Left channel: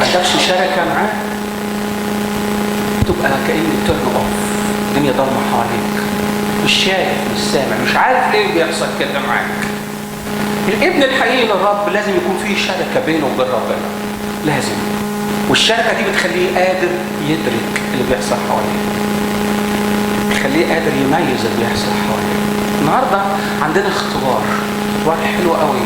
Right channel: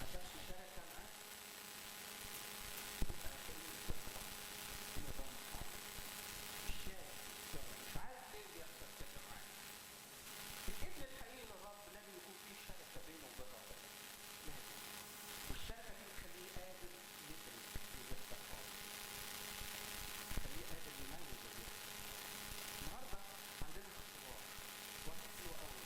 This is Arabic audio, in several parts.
ما عندكش شركة معاه تبقى كأن ترن اوف، الدنيا ضلمة حواليك، مش شايف مش سامع، مش عارف ليه بيحصل كده معاك. الابن الحقيقي للرب لازم يكون فيه شركة بينه وبين ربنا، لازم. والشركة دي بتخليه قادر يدرك اللي بيحصل حواليه، بتخليه قادر يميز اللي بيحصل حواليه. النهارده عندنا اختبار حلو قوي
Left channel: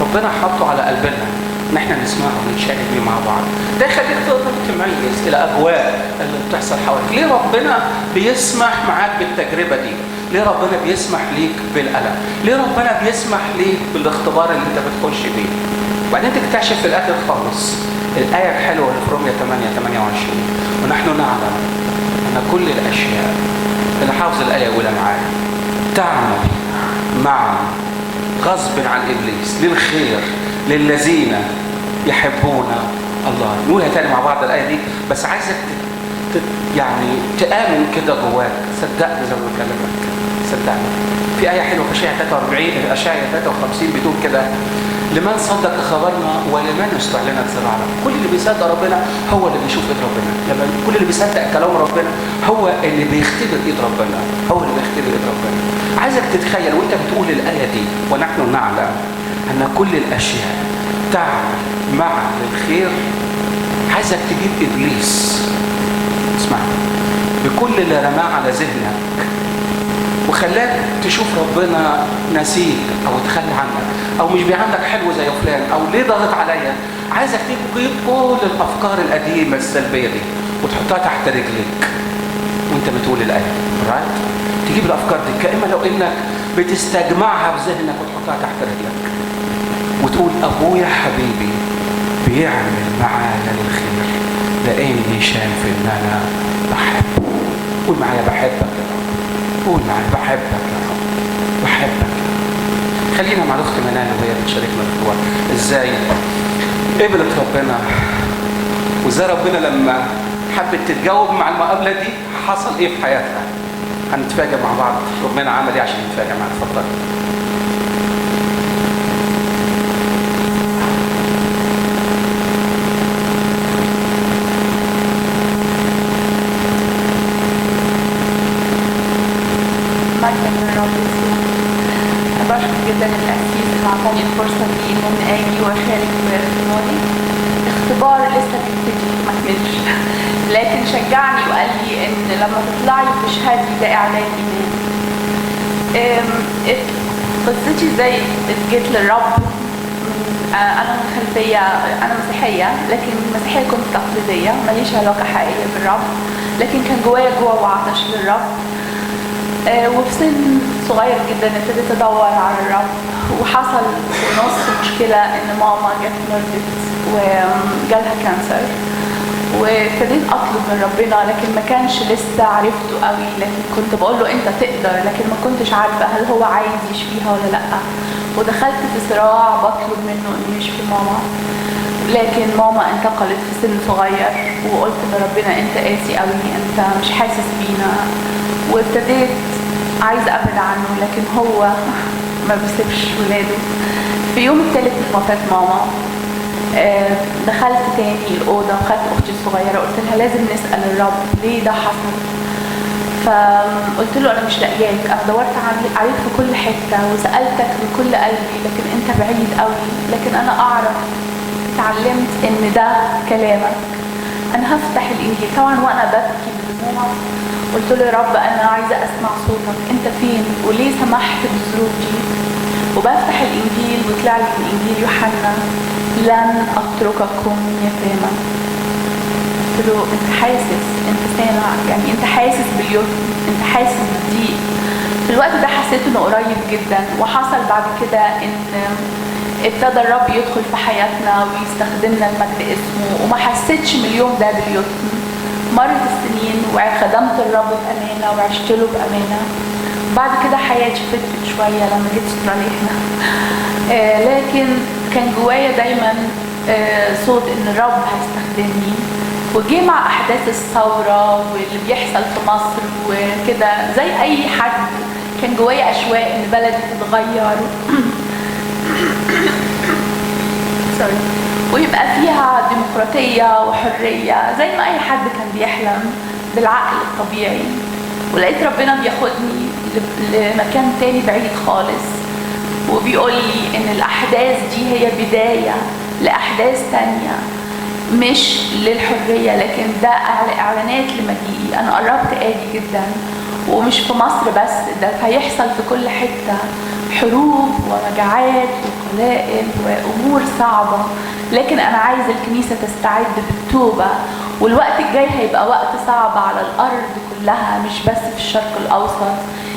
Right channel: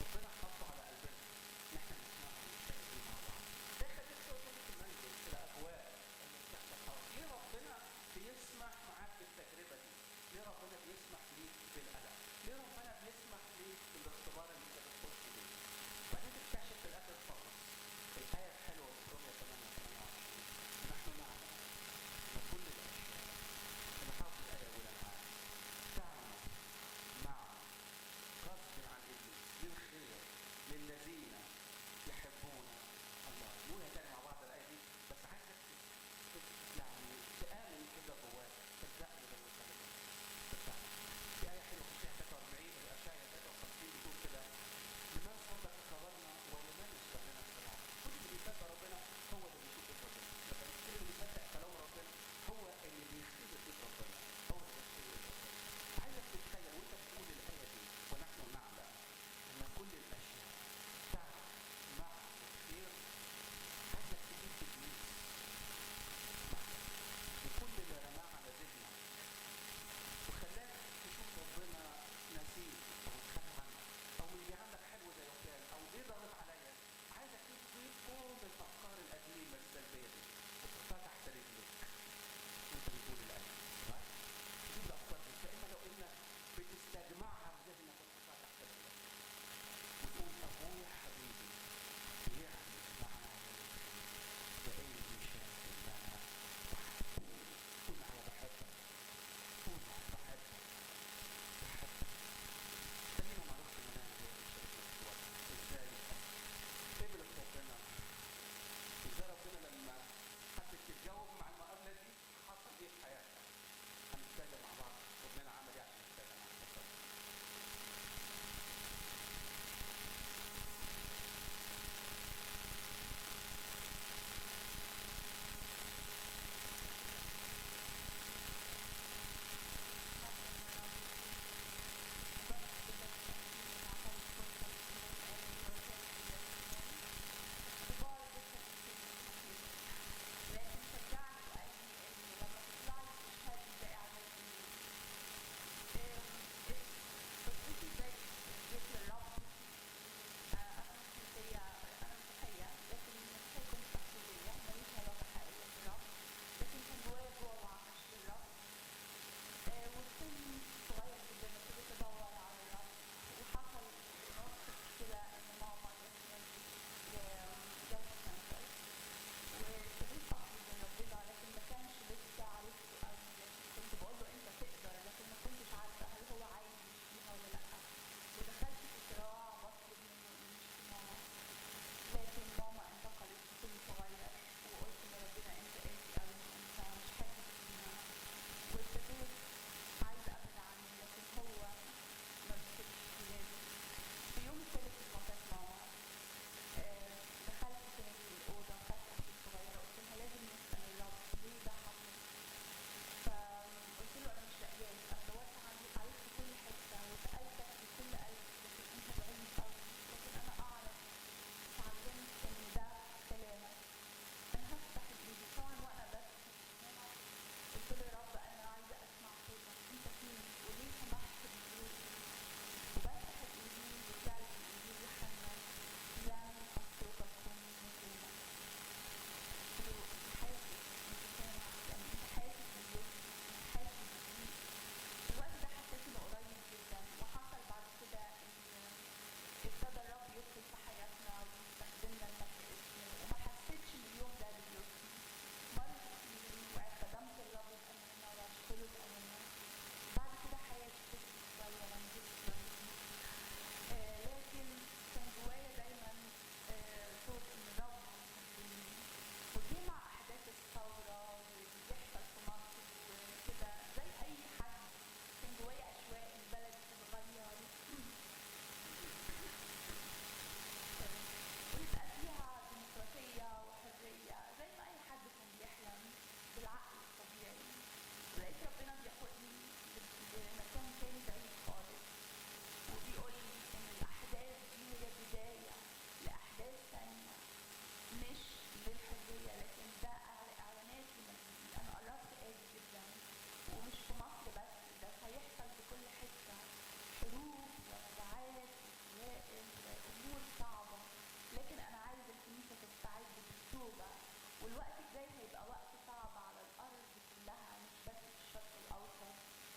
ربنا حطه على قلبنا ان احنا نسمعه ونتشارك بيه مع بعض. ده يخليك تقدر تميز الاجواء اللي بتحصل حواليك. ليه ربنا بيسمح معاك بالتجربه دي؟ ليه ربنا بيسمح ليك بالالم؟ ليه ربنا بيسمح ليك بالاختبار اللي انت بتخش بيه؟ وبعدين تكتشف في الاخر خالص الايه الحلوه اللي في رومية 8:28 ونحن نعلم ان كل الاشياء، اللي حافظ الايه يقولها معايا، تعمل معا غصب عن ابليس للخير للذين يحبون الله. نقولها تاني مع بعض الايه دي، بس عايزك يعني تآمن كده جواك، صدقني زي ما بكلمك، صدقني. في ايه حلوه في اشعياء 53 بتقول كده: لمن صدق خبرنا ولمن يستعلن سرعنا. كل اللي بيصدق ربنا هو اللي بيشوف ايد ربنا، لما كل اللي بيصدق كلام ربنا هو اللي بيختبر ايد ربنا، هو اللي بيختبر ايد ربنا. عايزك تتخيل وانت بتقول الايه دي ونحن نعلم ان كل الاشياء تعمل معا للخير. عايزك تجيب ابليس، اسمع، بكل اللي رماه على ذهنك وخلاك تشوف ربنا نسيك او تخلى عنك او مش بيعاملك حلو زي فلان او ليه ضاغط عليا. عايزك تجيب كل الافكار القديمه السلبيه دي وتحطها تحت رجليك وانت بتقول الايه، رايت؟ تجيب الافكار دي كأنما لو انك بتستجمعها في ذهنك وتحطها تحت رجلك وتقول: ابويا حبيبي بيعمل معايا الخير لاني شايف ان انا بحبه. قول معايا: بحبك يا رب. قول معايا: بحبك يا رب، بحبك. خلينا مع الاخت منال وهي بتشاركنا الاسبوع ازاي قبلت ربنا، وازاي ربنا لما حبت تتجاوب مع المقابله دي حصل ايه في حياتها. هنتفاجئ مع بعض ربنا عمل ايه عشان نتفاجئ معاك. اتفضل. بشكر جدا التأسيس اللي عطاني الفرصة دي إن أجي وأشارك باختباري. اختبار لسه بيبتدي ما كملش، لكن شجعني وقال لي إن لما تطلعي تشهدي ده إعلان إيمان. قصتي إزاي جيت للرب. أنا من خلفية، أنا مسيحية، لكن المسيحية كنت تقليدية، ماليش علاقة حقيقية بالرب، لكن كان جوايا جوع وعطش للرب. وفي سن صغير جدا ابتديت ادور على الرب، وحصل في نص مشكله ان ماما جت مرضت وجالها كانسر، وابتديت اطلب من ربنا، لكن ما كانش لسه عرفته قوي، لكن كنت بقول له انت تقدر، لكن ما كنتش عارفه هل هو عايز يشفيها ولا لا. ودخلت في صراع بطلب منه انه يشفي ماما، لكن ماما انتقلت في سن صغير، وقلت لربنا انت قاسي قوي، انت مش حاسس بينا. وابتديت عايزه ابعد عنه، لكن هو ما بيسيبش ولاده. في يوم الثالث من وفاه ماما دخلت تاني الاوضه وخدت اختي الصغيره، قلت لها لازم نسال الرب ليه ده حصل. فقلت له انا مش لاقياك، انا دورت عليك في كل حته وسالتك بكل قلبي، لكن انت بعيد قوي، لكن انا اعرف اتعلمت ان ده كلامك. انا هفتح الانجيل طبعا وانا ببكي بدموع، قلت له يا رب انا عايزه اسمع صوتك، انت فين وليه سمحت بالظروف دي؟ وبفتح الانجيل وطلع لي من انجيل يوحنا: لن اترككم يتامى. قلت له انت حاسس، انت سامع، يعني انت حاسس باليتم، انت حاسس بالضيق. في الوقت ده حسيت انه قريب جدا. وحصل بعد كده ان ابتدى الرب يدخل في حياتنا ويستخدمنا لمجد اسمه، وما حسيتش من اليوم ده باليتم. مرت السنين وخدمت الرب بأمانة وعشت له بأمانة. بعد كده حياتي فتت شوية لما جيت استراليا هنا. لكن كان جوايا دايما صوت ان الرب هيستخدمني. وجي مع احداث الثورة واللي بيحصل في مصر وكده، زي اي حد كان جوايا اشواق ان بلدي تتغير. ويبقى فيها ديمقراطية وحرية زي ما أي حد كان بيحلم بالعقل الطبيعي. ولقيت ربنا بياخدني لمكان تاني بعيد خالص، وبيقول لي إن الأحداث دي هي بداية لأحداث تانية مش للحرية، لكن ده إعلانات لمجيئي. أنا قربت آجي جدا، ومش في مصر بس، ده هيحصل في كل حتة، حروب ومجاعات وقلائل وأمور صعبة. لكن أنا عايز الكنيسة تستعد بالتوبة، والوقت الجاي هيبقى وقت صعب على الأرض كلها، مش بس في الشرق الأوسط.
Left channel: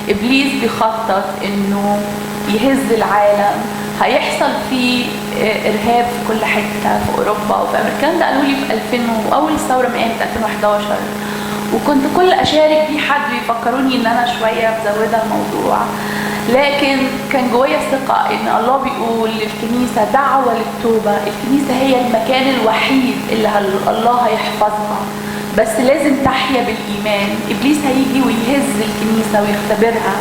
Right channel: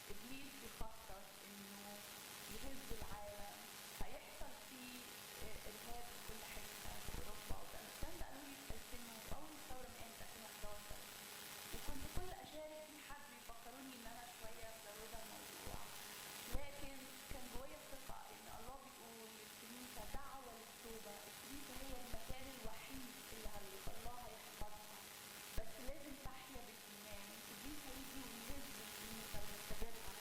إبليس بيخطط إنه يهز العالم، هيحصل فيه إرهاب في كل حتة في أوروبا وفي أمريكا. ده قالوا لي في 2000 وأول الثورة من 2011، وكنت كل أشارك بيه حد يفكروني إن أنا شوية مزودة الموضوع، لكن كان جوايا ثقة إن الله بيقول للكنيسة دعوة للتوبة. الكنيسة هي المكان الوحيد اللي الله هيحفظها، بس لازم تحيا بالإيمان. إبليس هيجي ويهز الكنيسة ويختبرها.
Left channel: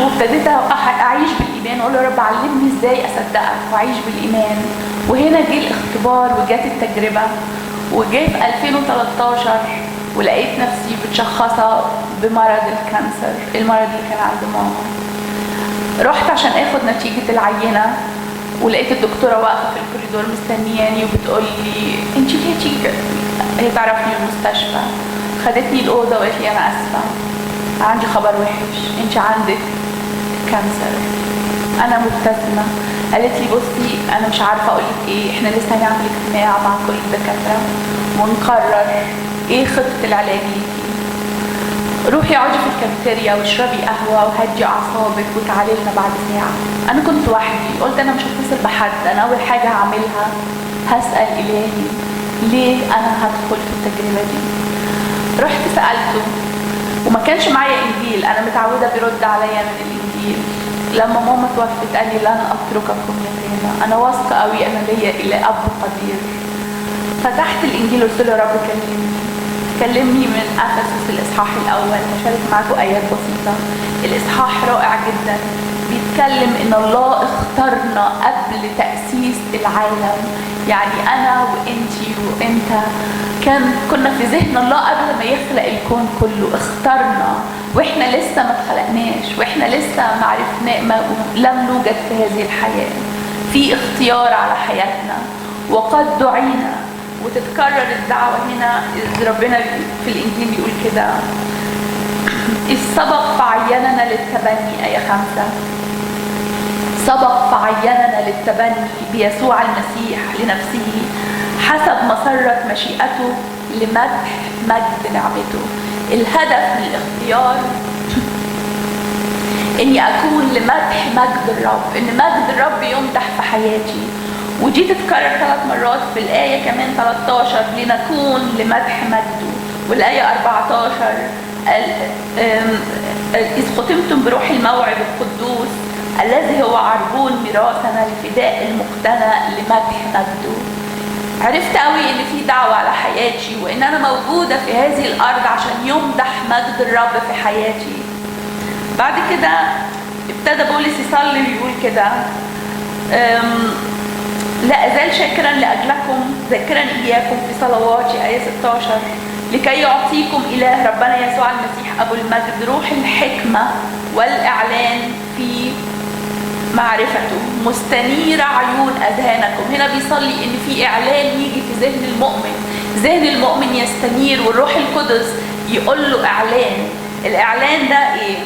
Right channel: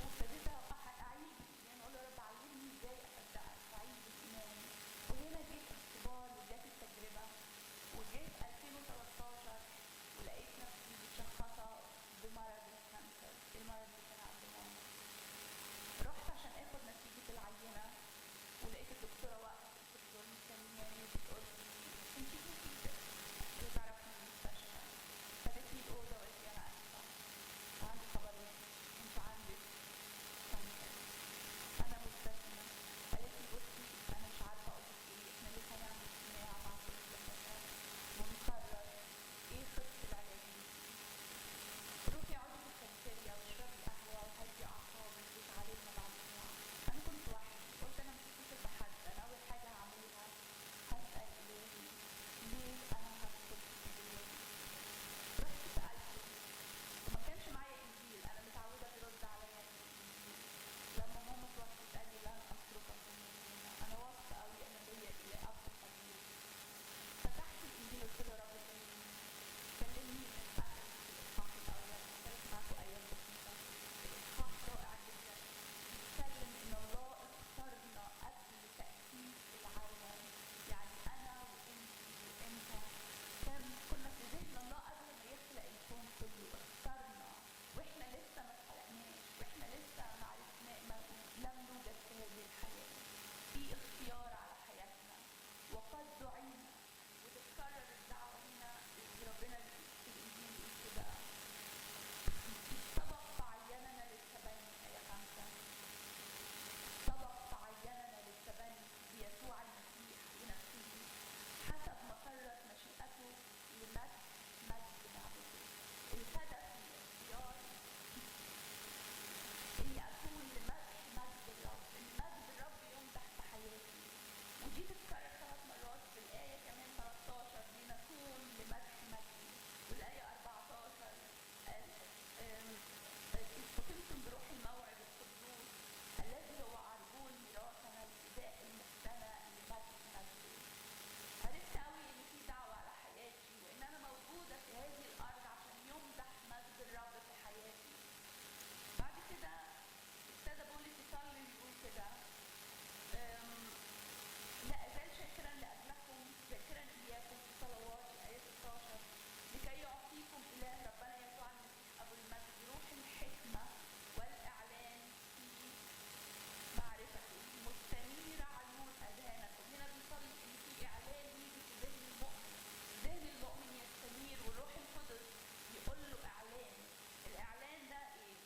وابتديت أعيش بالإيمان وأقول يا رب علمني إزاي أصدقك وأعيش بالإيمان. وهنا جه الاختبار وجات التجربة، وجاء في 2013 ولقيت نفسي متشخصة بمرض الكانسر، المرض اللي كان عند ماما. رحت عشان اخد نتيجة العينة، ولقيت الدكتورة واقفة في الكوريدور مستنياني وبتقول لي انتي ليه تيجي؟ هي تعرفني المستشفى، خدتني الأوضة وقالت لي أنا آسفة، عندي خبر وحش، انتي عندك كانسر. أنا مبتسمة. قالت لي بصي أنا مش عارفة أقولك إيه، إحنا لسه هنعمل اجتماع مع كل الدكاترة ونقرر إيه خطة العلاج ليكي. روحي اقعدي في الكافيتيريا واشربي قهوة وهدي أعصابك وتعالي لنا بعد ساعة. أنا كنت وحدي، قلت أنا مش هتصل بحد، أنا أول حاجة هعملها هسأل إلهي ليه أنا هدخل في التجربة دي. رحت سألته، وما كانش معايا إنجيل، أنا متعودة بيرد عليا من الإنجيل. لما ماما توفت قال لي لن أترككم يتامى، أنا واثقة قوي أنا ليا إلى أب قدير. فتحت الإنجيل وقلت له يا رب كلمني من أفسس الإصحاح الأول. هشارك معاكم آيات بسيطة. الإصحاح رائع جدا، بيتكلم إن الله اختارنا قبل تأسيس العالم. يعني أنا وإنتي وإنت كنا في ذهن الله قبل ما يخلق الكون كله، اختارنا وإحنا لسه ما اتخلقناش، وإحنا لسه ما عرفنا، لم نوجد في هذه الحياة. في اختيار على حياتنا، وقد دعينا. وتتكرر الدعوة هنا، ربنا في الإنجيل بيقول كده إذ سبق فعيننا للتبني، آية 5، سبق فعيننا للتبني بيسوع المسيح لنفسه حسب مسرة مشيئته لمدح مجد نعمته. الهدف من الاختيار إني أكون لمدح مجد الرب، إن مجد الرب يمدح في حياتي. ودي تتكرر 3 مرات في الآية كمان 13 لنكون لمدح مجده. والآية 14 إذ ختمتم بروح الموعد القدوس الذي هو عربون ميراثنا لفداء المقتنى لمدح مجده. عرفت قوي إن في دعوة على حياتي، وإن أنا موجودة في هذه الأرض عشان يمدح مجد الرب في حياتي. بعد كده ابتدى بولس يصلي ويقول كده لا أزال شاكرا لأجلكم ذاكرا إياكم في صلواتي، آية 16، لكي يعطيكم إله ربنا يسوع المسيح أبو المجد روح الحكمة والإعلان في معرفته مستنير عيون أذهانكم. هنا بيصلي إن في إعلان يجي في ذهن المؤمن، ذهن المؤمن يستنير، والروح القدس يقول له إعلان. الإعلان ده إيه؟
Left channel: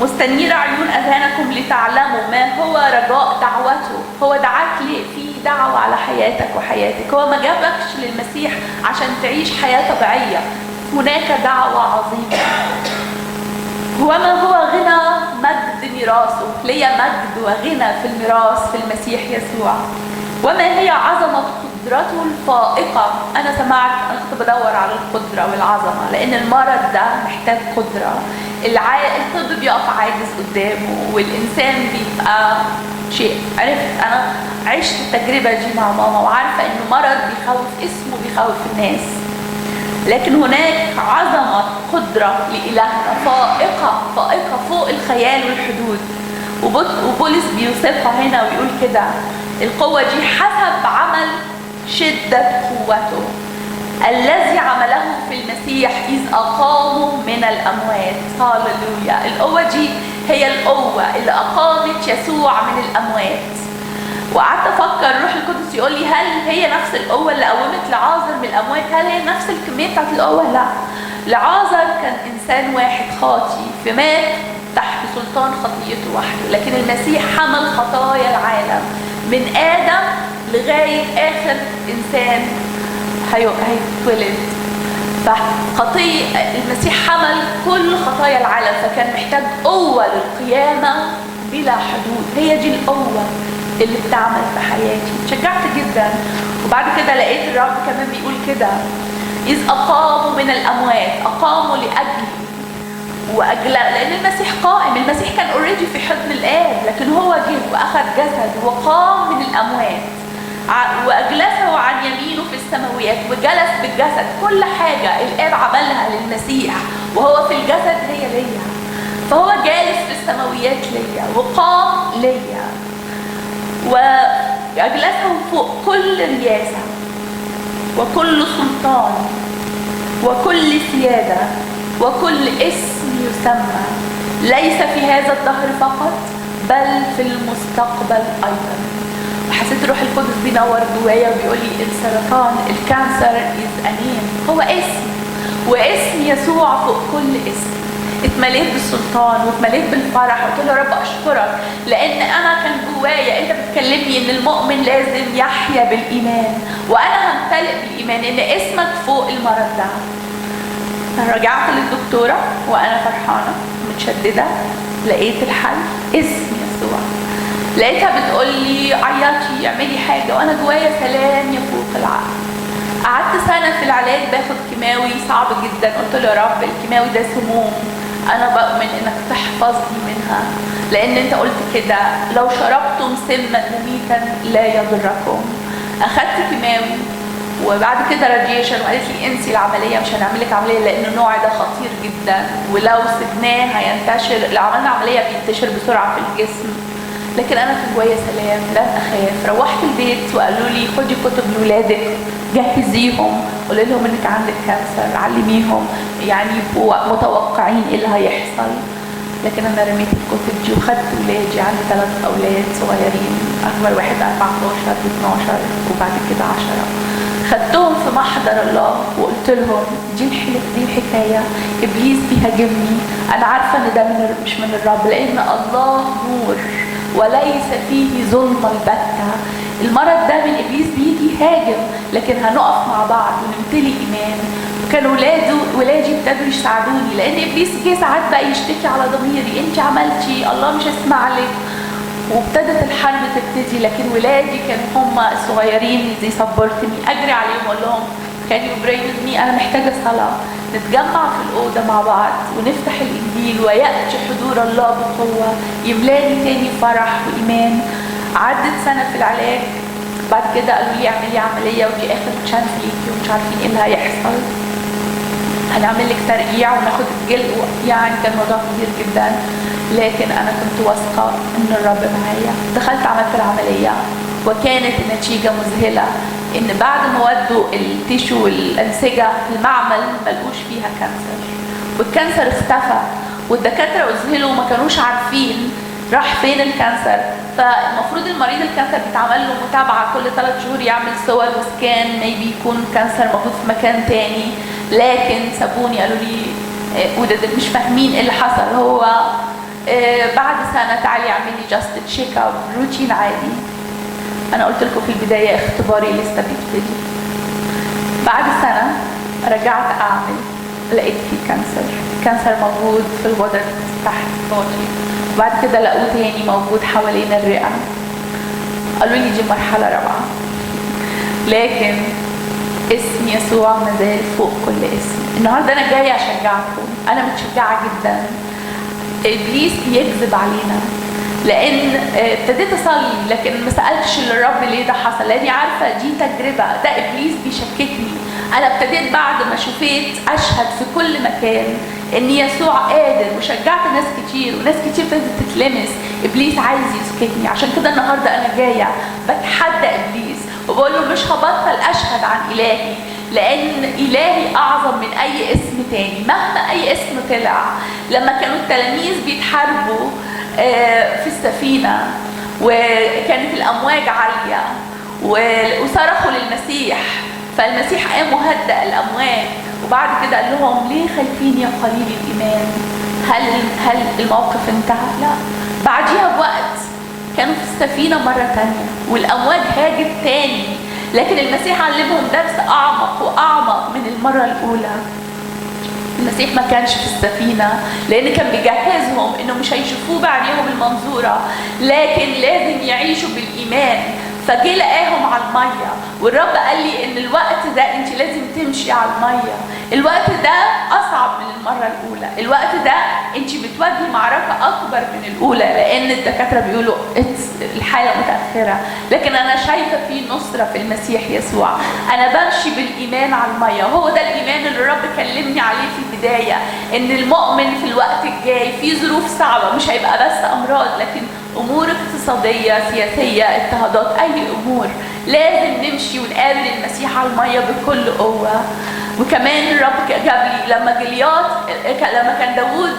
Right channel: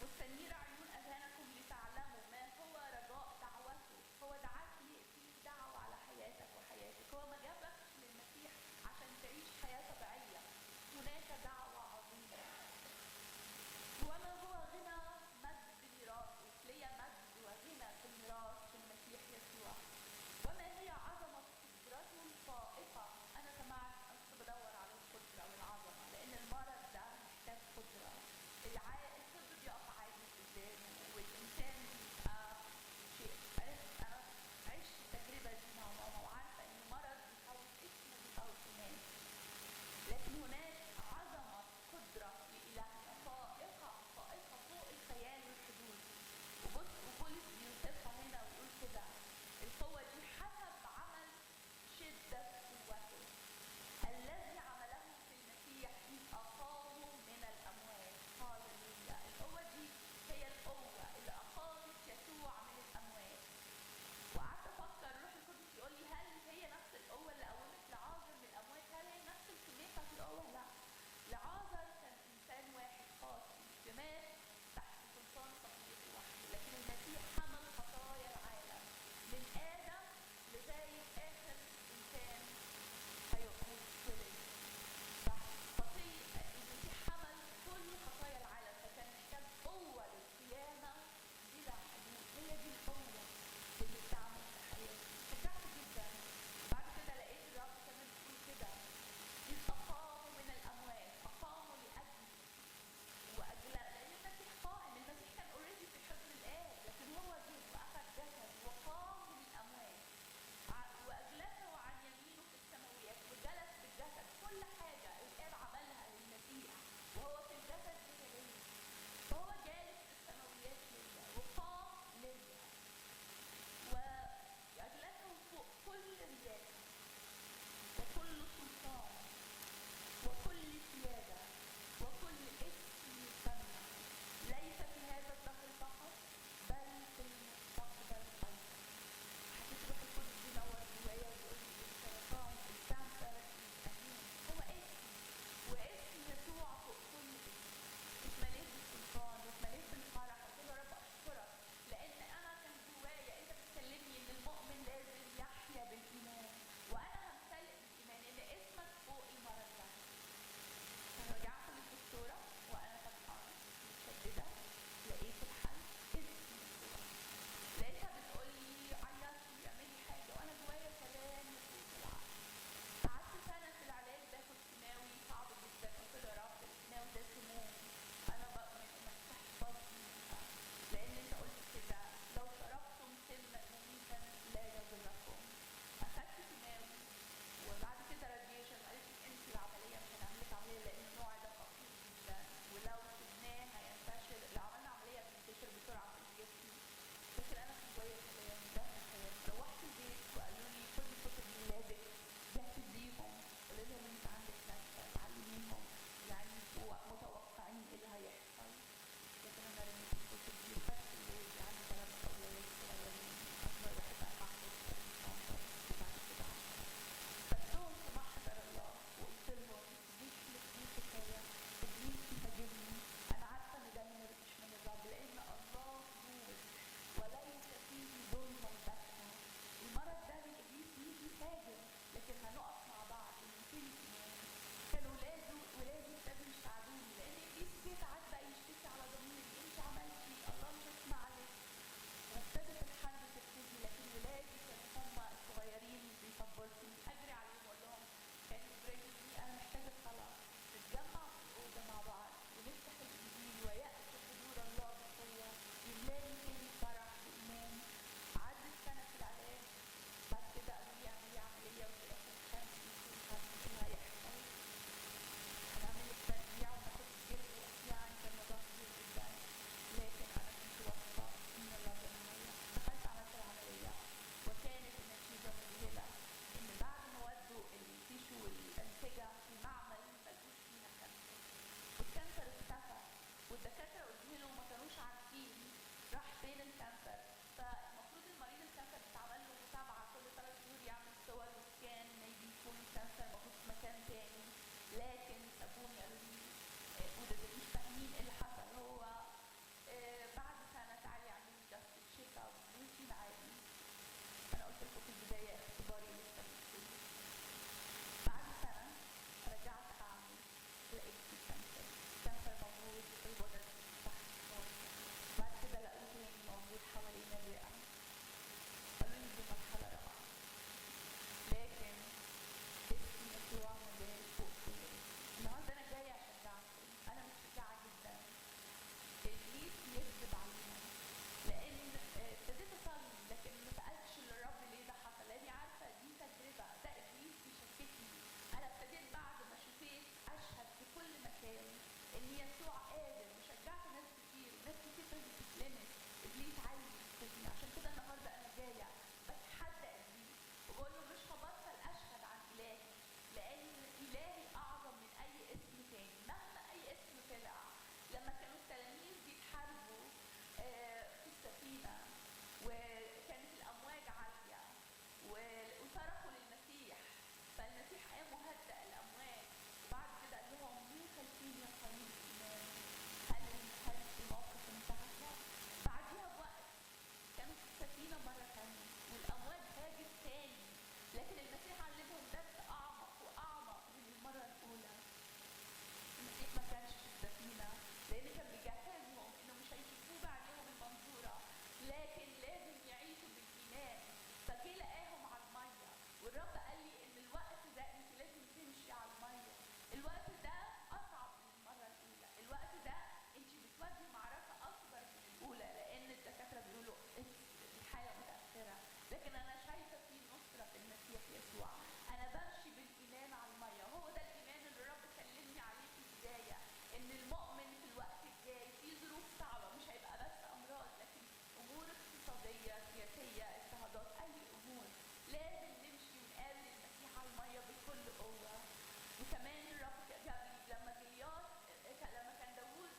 مستنير عيون أذهانكم لتعلموا ما هو رجاء دعوته. هو دعاك ليه؟ في دعوة على حياتك وحياتك. هو ما جابكش للمسيح عشان تعيش حياة طبيعية، هناك دعوة عظيمة. وما هو غنى مجد ميراثه، ليا مجد وغنى في الميراث في المسيح يسوع. وما هي عظمة قدرته الفائقة. أنا سمعت، أنا كنت بدور على القدرة والعظمة، لأن المرض ده محتاج قدرة. الطب بيقف عاجز قدامه، والإنسان بيبقى شيء. عرفت، أنا عشت التجربة دي مع ماما، وعارفة إنه مرض بيخوف، اسمه بيخوف الناس، لكن هناك عظمة قدرة لإلهنا فائقة فائقة فوق الخيال والحدود. وبولس بيوصفها هنا ويقول كده القوة دي حسب عمل شدة قوته الذي عمله في المسيح إذ أقامه من الأموات. هاللويا. القوة دي هي القوة اللي أقامت يسوع من الأموات. وقعدت أفكر الروح القدس يقول لي هل هي نفس القوة اللي قومت لعازر من الأموات؟ هل هي نفس الكمية بتاعت القوة؟ لا. لعازر كان إنسان واحد خاطي فمات تحت سلطان خطيته وحده، لكن المسيح حمل خطايا العالم من آدم لغاية آخر إنسان هيتولد. فخطية المسيح حمل كل خطايا العالم، فكان محتاج قوة للقيامة بلا حدود. هي دي القوة اللي بتعمل في حياتي. شجعت جدا. وبعد كده لقيت الرب كمان بيقول كده إذ أقاموا من الأموات، أقاموا لأجلي لأن المسيح قائم. المسيح كان اوريدي في حضن الآب، لكن هو جه وأخذ جسد وقام من الأموات وأجلسه عن يمينه في السماويات وجلس بالجسد. كل حاجة الآب عملها للمسيح وهو في الجسد هي ليا، فهو جالس في السماويات ليا وقام ليا وأجلسه فوق كل رياسة وكل سلطان وكل سيادة وكل اسم يسمى، ليس في هذا الدهر فقط بل في المستقبل أيضا. وحسيت الروح القدس بينور جوايا وبيقول لي السرطان، الكانسر is a name، هو اسم، واسم يسوع فوق كل اسم. اتمليت بالسلطان واتمليت بالفرح. قلت له يا رب اشكرك لان انا كان جوايا انت بتكلمني ان المؤمن لازم يحيا بالايمان، وانا همتلئ بالايمان ان اسمك فوق المرض ده. رجعت للدكتوره وانا فرحانه متشدده، لقيت الحل اسم يسوع. لقيتها بتقول لي عيطي اعملي حاجه، وانا جوايا سلام يفوق العقل. قعدت سنه في العلاج باخد كيماوي صعب جدا. قلت له يا رب الكيماوي ده سموم، انا بؤمن انك تحفظني منها لان انت قلت كده لو شربتم سما مميتا لا يضركم. اخدت كيماوي وبعد كده راديشن، وقالت لي انسي العمليه، مش هنعمل لك عمليه لان النوع ده خطير جدا ولو سبناه هينتشر. لو عملنا عمليه بينتشر بسرعه في الجسم. لكن انا في جوايا سلام، لن اخاف. روحت البيت وقالوا لي خدي كتب لاولادك جهزيهم، قولي لهم انك عندك كانسر، علميهم يعني يبقوا متوقعين ايه اللي هيحصل. لكن انا رميت الكتب دي وخدت ولادي. عندي 3 اولاد صغيرين، اكبر واحد 14 و12 وبعد كده 10. خدتهم في محضر الله وقلت لهم دي الحكايه، ابليس بيهاجمني، انا عارفه ان ده مش من الرب لان الله نور وليس فيه ظلم البتة. المرض ده من ابليس بيجي يهاجم، لكن هنقف مع بعض ونمتلي ايمان. وكان ولادي ابتدوا يساعدوني لان ابليس جه ساعات بقى يشتكي على ضميري انت عملتي الله مش هيسمع لك، وابتدت الحرب تبتدي. لكن ولادي كانوا هم الصغيرين زي صبرتني، اجري عليهم اقول لهم كان يبريدني انا محتاجه صلاه. نتجمع في الاوضه مع بعض ونفتح الانجيل وياتي حضور الله بقوه يملاني تاني فرح وايمان. عدت سنه في العلاج، بعد كده قالوا لي اعملي عمليه ودي اخر تشانس ليكي ومش عارفين ايه اللي هيحصل، هنعمل لك ترقيع وناخد الجلد. يعني كان موضوع كبير جدا، لكن انا كنت واثقه ان الرب معايا. دخلت عملت العمليه وكانت النتيجه مذهله، ان بعد ما ودوا التيشو والانسجه المعمل ما لقوش فيها كانسر، والكانسر اختفى. والدكاتره اذهلوا ما كانوش عارفين راح فين الكانسر. فالمفروض المريض الكانسر بيتعمل له متابعه كل 3 شهور، يعمل صور وسكان ميبي يكون كانسر موجود في مكان تاني. لكن سابوني قالوا لي وده مش فاهمين ايه اللي حصل. هو بعد سنه تعالي اعملي جاست تشيك اب روتين عادي. انا قلت لكم في البدايه اختباري لسه بيبتدي. بعد سنه رجعت اعمل، لقيت فيه كانسر موجود في الغدد تحت صوتي. بعد كده لقوه تاني موجود حوالين الرئه. قالوا لي دي مرحله رابعه، لكن اسم يسوع مازال فوق كل اسم. النهارده انا جايه اشجعكم، انا متشجعه جدا. ابليس بيكذب علينا لان ابتديت اصلي لكن ما سالتش للرب ليه ده حصل، لاني عارفه دي تجربه، ده ابليس بيشككني. انا ابتديت بعد ما شفيت اشهد في كل مكان ان يسوع قادر، وشجعت ناس كتير وناس كتير ابتدت تتلمس. ابليس عايز يسكتني، عشان كده النهارده انا جايه بتحدى ابليس وبقول له مش هبطل اشهد عن الهي، لان الهي اعظم من اي اسم تاني مهما اي اسم طلع. لما كانوا التلاميذ بيتحاربوا في السفينه وكانت الامواج عاليه وصرخوا للمسيح، فالمسيح قام وهدأ الامواج، وبعد كده قال لهم ليه خايفين يا قليل الايمان؟ هل الموقف انتهى؟ لا، بعديها بوقت كانوا في السفينه مره تانيه والامواج هاجت تاني، لكن المسيح علمهم درس اعمق واعمق من المره الاولى. المسيح ما كانش في السفينه لان كان بيجهزهم انه مش هيشوفوه بعينيهم المنظوره، لكن لازم يعيشوا بالايمان. فجه لقاهم على الميه، والرب قال لي ان الوقت ده انت لازم تمشي على الميه. الوقت ده اصعب من المره الاولى، الوقت ده انت بتواجهي معركه اكبر من الاولى، لان الدكاتره بيقولوا الحاله متاخره، لكن انا شايفه في نصره في المسيح يسوع. انا بمشي بالايمان على الميه، هو ده الايمان اللي الرب كلمني عليه في البدايه، ان المؤمن في الوقت الجاي في ظروف صعبه، مش هيبقى بس امراض، لكن امور اقتصاديه، سياسيه، اضطهادات، اي امور لازم نمشي ونقابل المسيح على الميه بكل قوه. وكمان الرب جاب لي لما كان داوود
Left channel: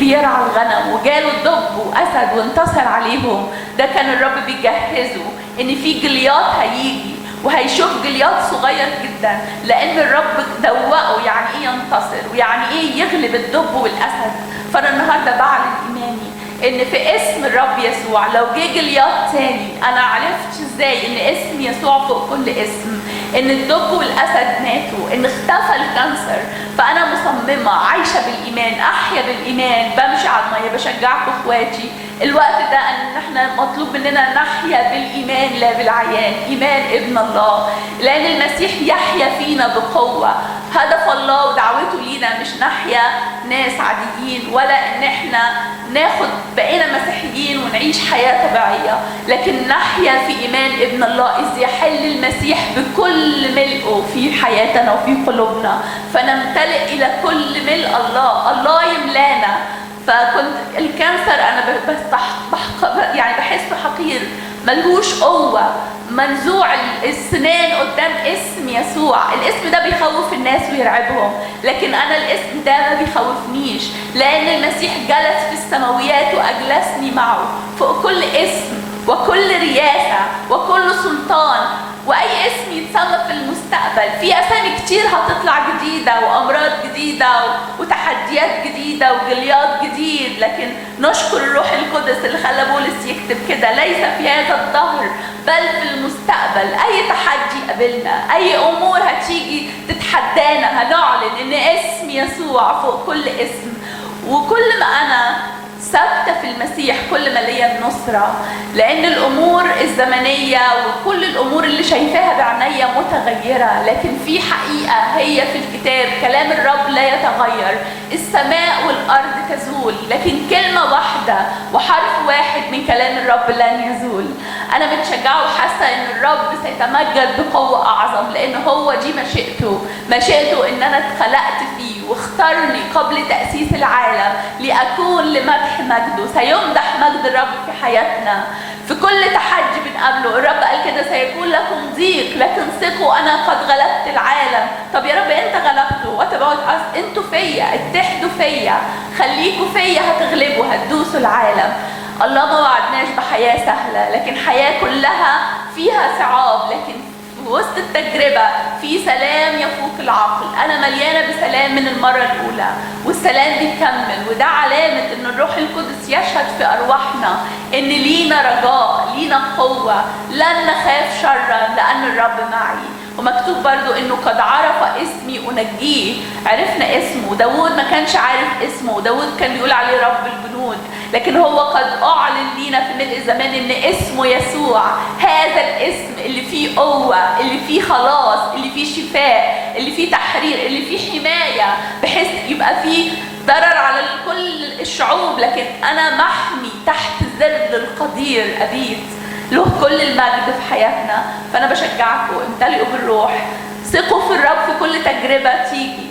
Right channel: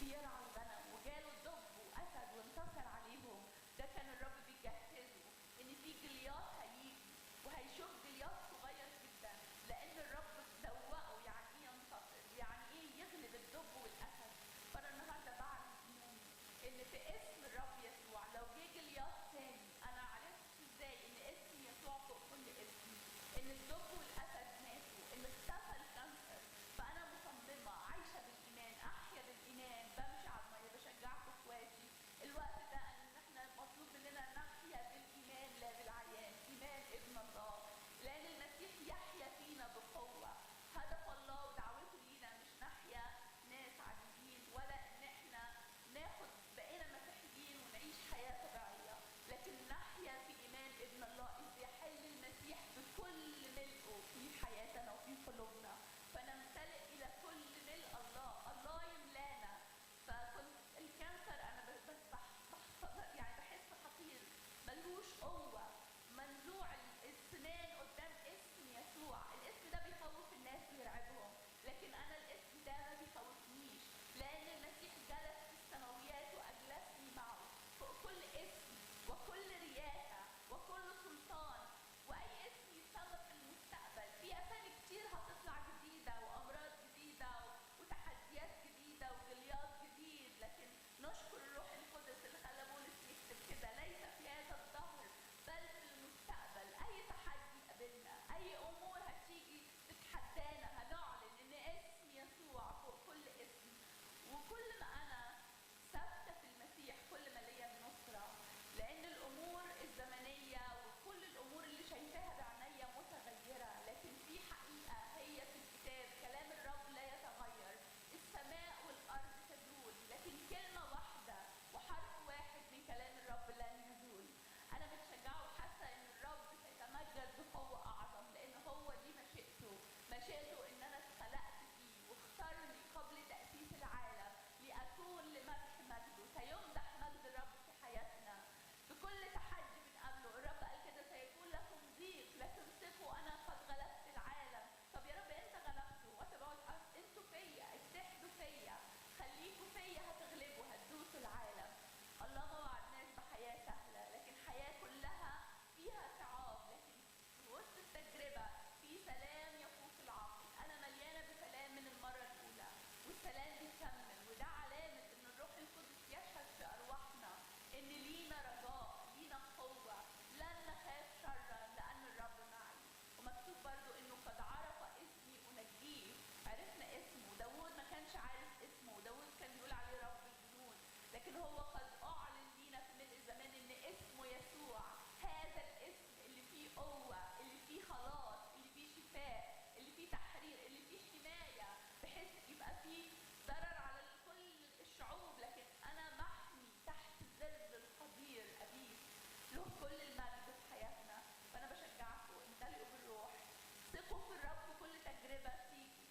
بيرعى الغنم وجاله الدب واسد وانتصر عليهم، ده كان الرب بيجهزه ان في جليات هيجي وهيشوف جليات صغير جدا، لان الرب دوقه يعني ايه ينتصر ويعني ايه يغلب الدب والاسد. فانا النهارده بعلن ايماني ان في اسم الرب يسوع لو جه جليات تاني، انا عرفت ازاي ان اسم يسوع فوق كل اسم، ان الدب والاسد ماتوا، ان اختفى الكانسر. فانا مصممه عايشه بالايمان، احيا بالايمان، بمشي على الميه. بشجعكم اخواتي الوقت ده ان احنا مطلوب مننا نحيا بالايمان لا بالعيان، ايمان ابن الله، لان المسيح يحيا فينا بقوه. هدف الله ودعوته لينا مش نحيا ناس عاديين، ولا ان احنا ناخد بقينا مسيحيين ونعيش حياه طبيعيه، لكن نحيا في ايمان ابن الله اذ يحل المسيح بكل ملئه في حياتنا وفي قلوبنا، فنمتلئ الى كل ملء الله، الله يملانا. فكنت الكانسر انا يعني بحسه حقير، ملهوش قوه، منزوع السنان قدام اسم يسوع. الاسم ده بيخوف الناس ويرعبهم، لكن انا الاسم ده ما بيخوفنيش، لان المسيح جلس في السماويات واجلسني معه فوق كل اسم وكل رياسه وكل سلطان، واي اسم يتسمى في المستقبل. في اسامي كتير هتطلع جديده وامراض جديده وتحديات جديده وجليات جديد، لكن نشكر الروح القدس اللي خلى بولس يكتب كده: ليس في هذا الدهر بل في المستقبل اي تحدي قابلنا، اي امور هتيجي تتحدانا، هنعلن ان اسم يسوع فوق كل اسم. وكل ما انا ثابته في المسيح كل ما ليا النصره، لان الامور الزمنيه وكل الامور اللي شايفاها بعينيا متغيره، لكن في حقيقه هي في الكتاب، كلام الرب لا يتغير. السماء والارض تزول، لكن كلمه واحده وحرف واحد من كلام الرب لن يزول. انا متشجعه وحاسه ان الرب سيتمجد بقوه اعظم، لان هو دي مشيئته ان انا اتخلقت فيه واختارني قبل تاسيس العالم لأكون لمدح مجده. سيمدح مجد الرب في حياتنا في كل تحدي بنقابله. الرب قال كده: سيكون لكم ضيق لكن ثقوا انا قد غلبت العالم. طب يا رب انت غلبته، وات انتوا فيا، اتحدوا فيا، خليكوا فيا، هتغلبوا، هتدوسوا العالم. الله ما وعدناش بحياه سهله، لكن حياه كلها فيها صعاب، لكن في وسط التجربه في سلام يفوق العقل. انا مليانه بسلام من المره الاولى، والسلام بيكمل، وده علامه ان الروح القدس يشهد في ارواحنا ان لينا رجاء، لينا قوه، لن نخاف شرا لان الرب معي. ومكتوب برضو انه قد عرف اسمي انجيه. عرفنا اسمه. داود ما كانش عارف اسمه، داود كان بيقول عليه رب الجنود، لكن هو قد اعلن لينا في ملء الزمان ان اسمه يسوع، هذا الاسم اللي فيه قوه، اللي فيه خلاص، اللي فيه شفاء، اللي فيه تحرير، اللي فيه حمايه، بحيث يبقى فيه ضرر على كل الشعوب، لكن انا محمي تحت ظل القدير ابيت، له كل المجد في حياتنا. فانا بشجعكم امتلئوا بالروح، ثقوا في الرب في كل تجربه تيجي،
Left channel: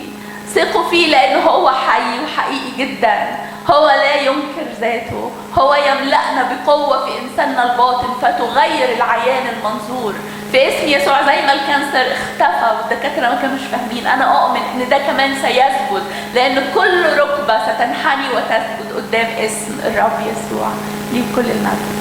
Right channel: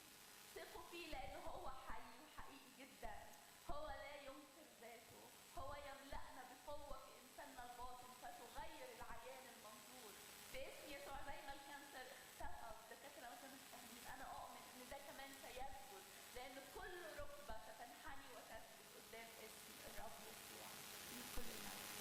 ثقوا فيه لأنه هو حي وحقيقي جدا. هو لا ينكر ذاته، هو يملأنا بقوة في إنساننا الباطن فتغير العيان المنظور. في اسم يسوع زي ما الكانسر اختفى والدكاترة ما كانوش فاهمين، أنا أؤمن إن ده كمان سيثبت، لأن كل ركبة ستنحني وتثبت قدام اسم الرب يسوع. ليه كل المجد.